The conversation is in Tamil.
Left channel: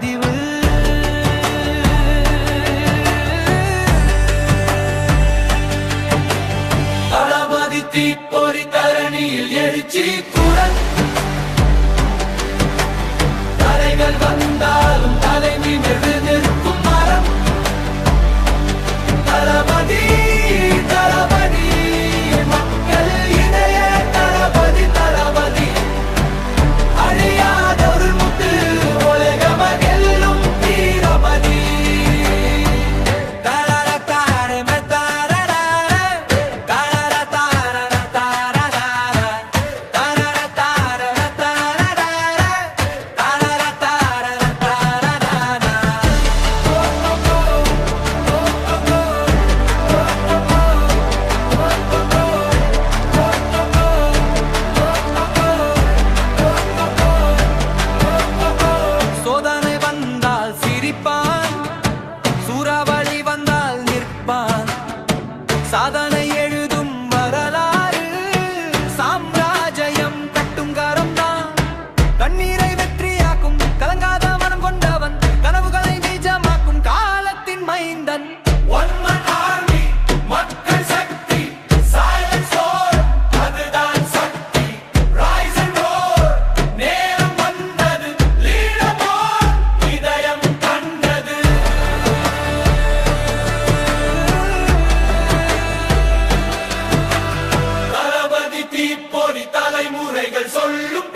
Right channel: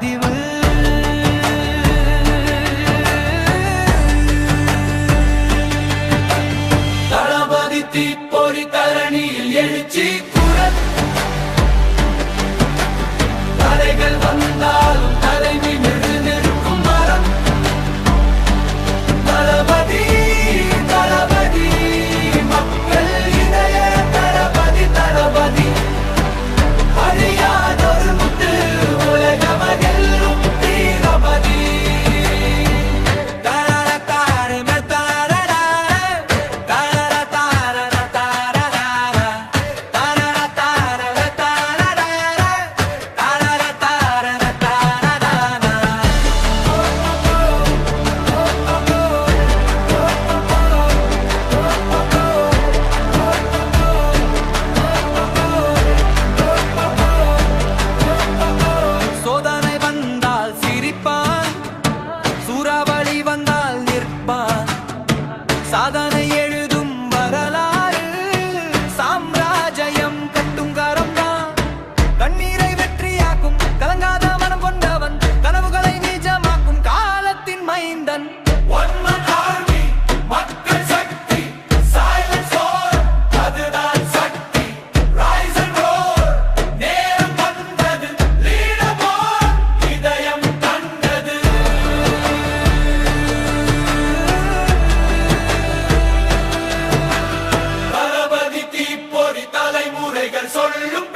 பதிவு. தளபதி தீப்பொறி தரணியில் எழுச்சி குரல். தரைகள் வந்தாலும் தலை நிமிர்ந்து நிற்கும் மரம். தளபதி தளபதி மக்கள் இதய தளபதி தளபதி. அழியாதொரு முத்து உலகமர் எல்லும் தீரபதி. சோதனை வந்தால் சிரிப்பான், சூறாவளி வந்தால் நிற்பான். சாதனை எழுதும் வரலாறு, சாம்ராஜ்யம் கட்டும் கரம்தான். கண்ணீரை வெற்றியாக்கும் கலங்காத மனம் கொண்டவன், கனவுகளை நிஜமாக்கும் காலத்தின் மைந்தன். மக்கள் சக்தி, silence roar, அதுதான் சக்தி. Rise and roar, நேரம் வந்தது, leaderboard, இதயம் கண்டது. தளபதி தீப்பொறி தலைமுறைகள் சொல்லும்